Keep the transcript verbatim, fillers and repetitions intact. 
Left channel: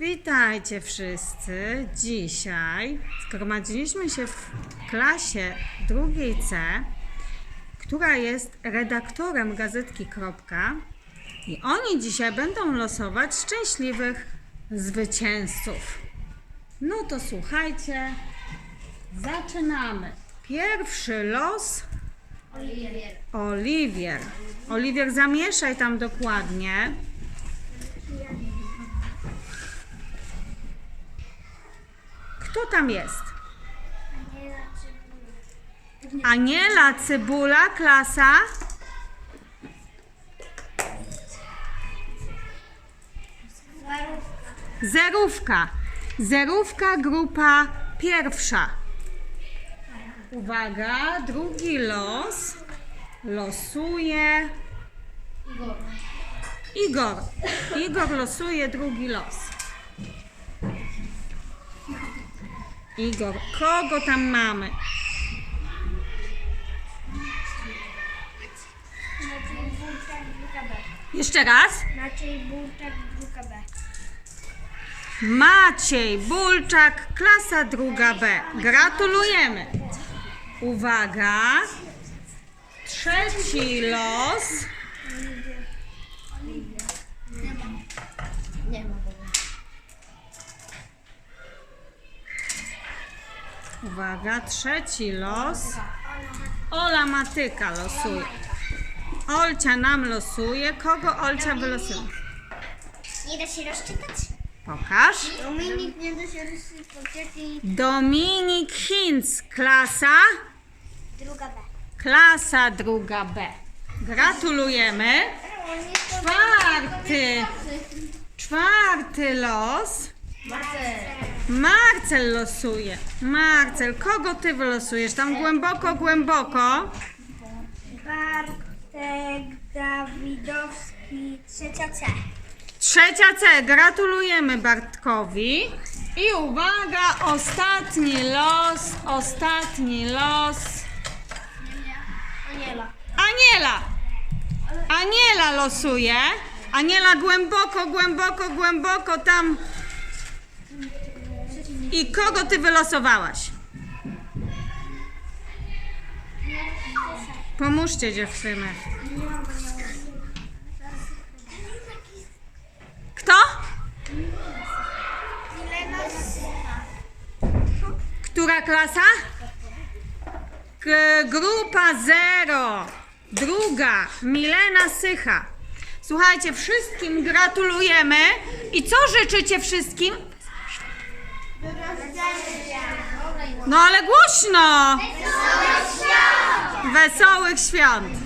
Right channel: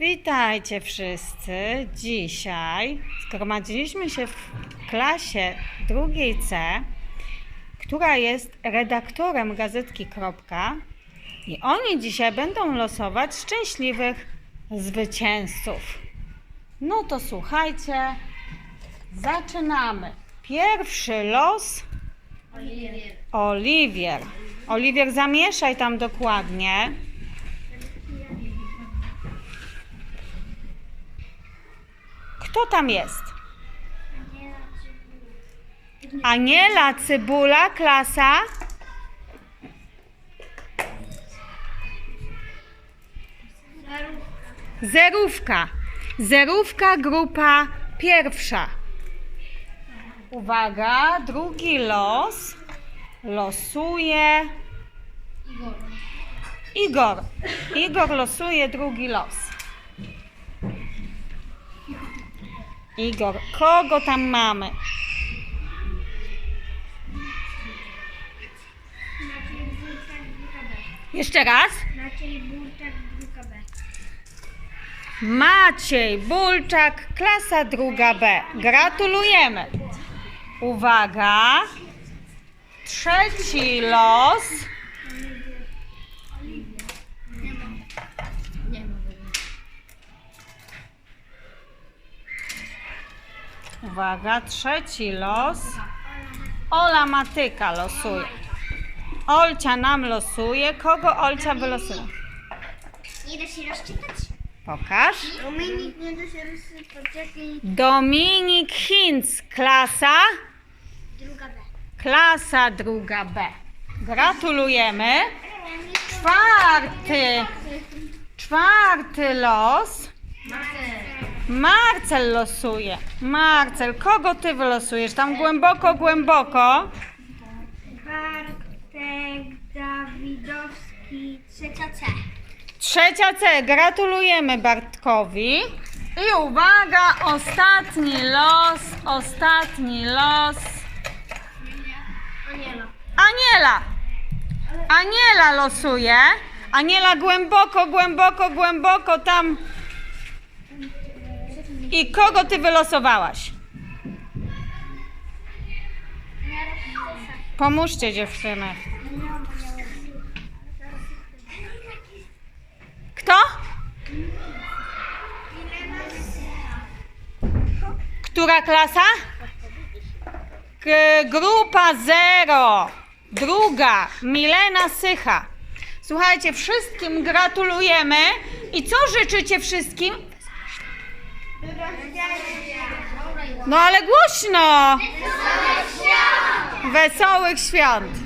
Witajcie wszyscy. Dzisiaj zgromadziliśmy się w klasie drugiej C, która jest redaktorem gazetki Kropka, i oni dzisiaj będą losować szczęśliwych zwycięzców. No to słuchajcie, zaczynamy. Pierwszy los Oliwier. Oliwier. Oliwier, zamieszaj tam dokładnie. Kto tam jest? Aniela Cybula, klasa? Zerówka. Zerówka, grupa pierwsza. Uwaga, drugi los. Losuje Igor. Igor. Igor losuje drugi los. Igor, kogo tam mamy? Maciej Burczak, grupa B. Jeszcze raz. Maciej Burczak, grupa B. Maciej Bulczak, klasa druga B. Gratulujemy. Uwaga. Trzeci los. Nie ma. Nie ma. Uwaga, trzeci los. Ola Matyka losuje. Olcia nam losuje. Kogo Olcia wylosuje? Nie da się rozczytać? Pokaż. Dominik nie da się rozczytać. Dominik Hinz, klasa? Druga B. Klasa druga B. Gratulujemy. Czwarty. Czwarty los. Marcel losuje. Marcel, kogo ty wylosujesz? Tam głęboko, głęboko. Bartek Dawidowski, trzecia C. Trzecia C. Gratulujemy Bartkowi. I uwaga, ostatni los. Ostatni los. Aniela. Aniela. Aniela losuje. Aniela głęboko, głęboko, głęboko tam. I kogo ty wylosowałaś? Pomóżcie dziewczyny. Kto? Która klasa? K- grupa zero. Druga. Milena Sycha. Słuchajcie, wszystkim gratulujemy. I co życzycie wszystkim? No ale głośno! Wesołych świąt!